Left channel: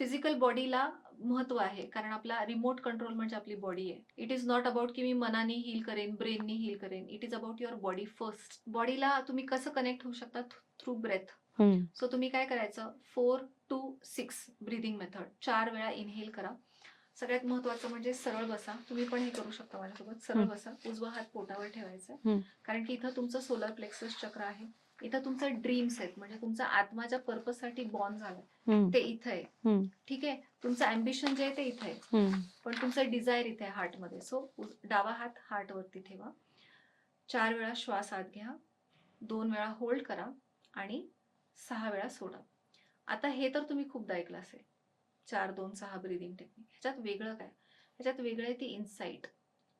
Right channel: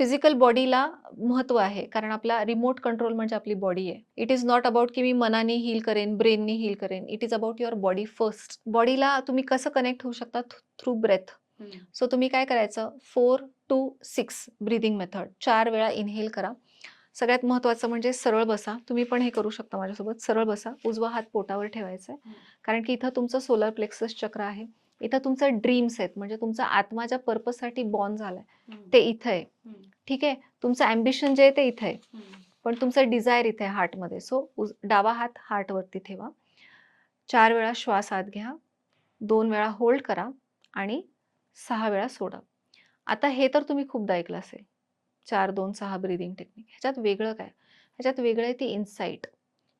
Physical बॉडीला महत्व आहे, कारण आपला रिमोट कंट्रोल म्हणजे आपली बॉडी आहे. इट इज नॉट अबाउट की मी मनाने हील करेन, ब्रेननी हील करेन. It is about your body first. बॉडीला तुम्ही कसं कनेक्ट होऊ शकता? Through breath. हं. सो तुम्ही काय करायचं, 4-2-6 ब्रीदिंग मेथड. 4 वेळा इनहेल करा. सगळ्यात महत्त्वाचं म्हणजे सरळ बसा. तुम्ही पण हे करू शकता माझ्यासोबत. सरळ हं. बसा. उजवा हात पोटावर ठेवायचा आहे. हं. कारण की इथं तुमचं सोलर प्लेक्सस चक्र आहे. इथं तुमचं ड्रीम्स आहेत. म्हणजे तुमचा आत्मा ज्या पर्पजसाठी बॉर्न झालाय, हं. ते इथं आहे. हं. ठीक आहे? तुमचं अँबिशन जे आहे ते इथं आहे. हं. पण तुमचं डिझायर इथे आहे हार्टमध्ये. सो डावा हात हार्टवरती ठेवा. 4 वेळा श्वास आत घ्या. 2 वेळा होल्ड करा आणि 6 वेळा सोडा. आता हे तर तुम्ही खूपदा ऐकलं असेल. 4-2-6 ब्रीथिंग टेक्निक. ह्याच्यात वेगळं काय? ह्याच्यात वेगळं आहे ती इन्साईट,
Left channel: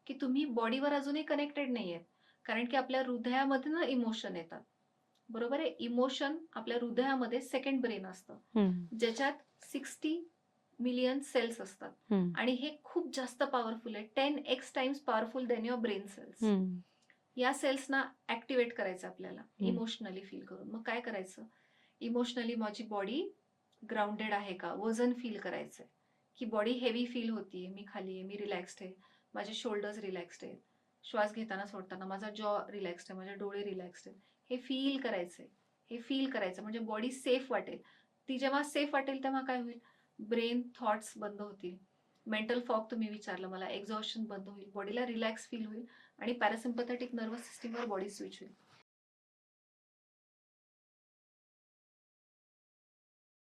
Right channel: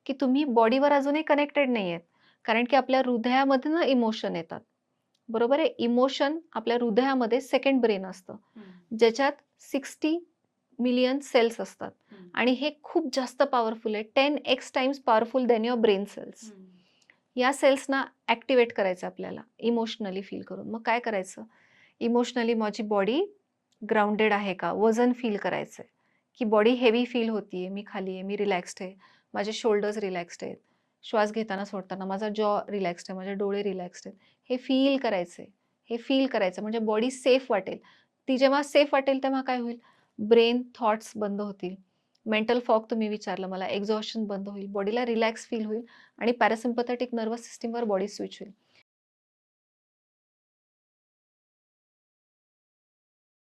की तुम्ही बॉडीवर अजूनही कनेक्टेड नाहीयेत. कारण की आपल्या हृदयामधनं इमोशन येतात. बरोबर आहे? इमोशन आपल्या हृदयामध्ये सेकंड ब्रेन असतं. हं. ज्याच्यात 60 मिलियन सेल्स असतात हं. आणि हे खूप जास्त पॉवरफुल आहे. 10x times powerful than your brain cells. हं. या सेल्सना ॲक्टिव्हेट करायचं आपल्याला हं. इमोशनली फील करून. मग काय करायचं? इमोशनली माझी बॉडी ग्राउंडेड आहे का? वजन फील करायचंय, की बॉडी हेवी फील होतीये, मी खाली आहे, मी रिलॅक्स्ड आहे, माझे शोल्डर्स रिलॅक्स्ड आहेत. श्वास घेताना सोडताना माझा जॉ रिलॅक्स्ड आहे, माझे डोळे रिलॅक्स्ड आहेत. हे फील करायचंय. हे फील करायचं म्हणजे बॉडी सेफ वाटेल. ती जेव्हा सेफ वाटेल तेव्हा काय होईल? ब्रेन थॉट्स बंद होतील. मेंटल फॉग तुम्ही विचारलं मला, एक्झॉशन बंद होईल. बॉडीला रिलॅक्स फील होईल आणि पॅरासिम्पॅथेटिक नर्व्हस सिस्टमवर बॉडी स्विच होईल.